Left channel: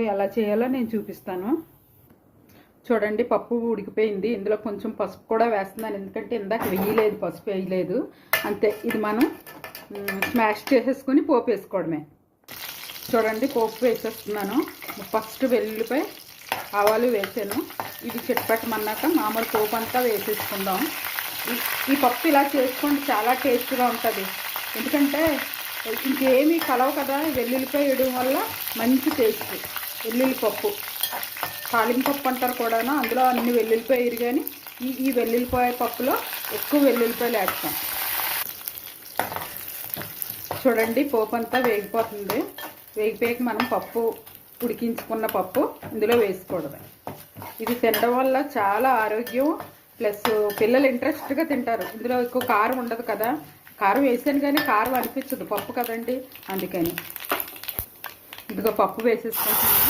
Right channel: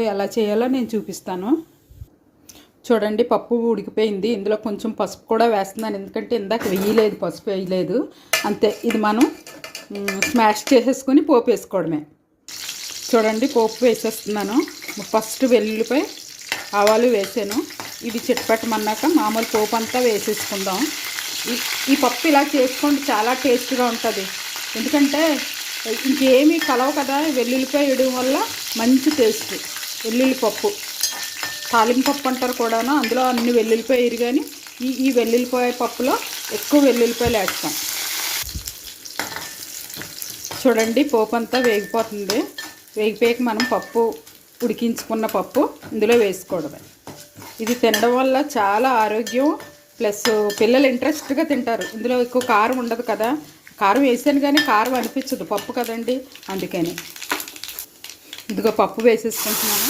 ఎలా చేయాలో నేను చూపిస్తాను. చూడండి, పప్పు ఉడికిపోయింది. ఇందులో కొంచెం పసుపు కూడా వేస్తున్నాను, ఎందుకంటే ఇందాక వేయలేదు, పసుపు వేయలేదు. అంతే, ఇది మనం స్మాష్ చేసేసుకొని పోపు వేసుకోవడమే. చూడండి, పోపు వేసేస్తున్నాను. ఫస్ట్ వెల్లుల్లిపాయ ఆవాలు వేసాను. ఇది చిట్పట్టమన్నాక మామూలు పోపు అంతా వేసేసుకుందాం. ఈ పప్పు ఇలా చేసుకోండి, చాలా టేస్ట్గా ఉంటుంది. ఎందుకంటే ఇంకేమీ కలవు కదా, వెల్లుల్లిపాయ వేయడం వల్ల మంచి టేస్ట్. వెల్లుల్లి పప్పు తాలింపు పప్పు అంటారు కూడాను, అందులో అన్ని వెల్లుల్లిపాయ వేయరు, కానీ ఈ వెల్లుల్లిపాయ పప్పులో ఎక్కువ వెల్లుల్లిపాయలు వేస్తాం. చూడండి, పోపు అంతా వేగిపోతుంది. వేగిపోయాక మనం పప్పు ఉడికించుకున్న పప్పు ఇందులో వేసుకోవడమే. ఇది తినడం వల్ల చాలా ఆరోగ్యం, ప్లస్ పిల్లలు ఇంట్రెస్ట్గా తింటారు. ఇందులో ఎక్కువ కారం ఉండదు కదా, కారం వేసాను కానీ కారం అనిపించదు, పప్పు కదండి, అందుకని. ఇదిగో పప్పు వేసేసుకుంటున్నాను.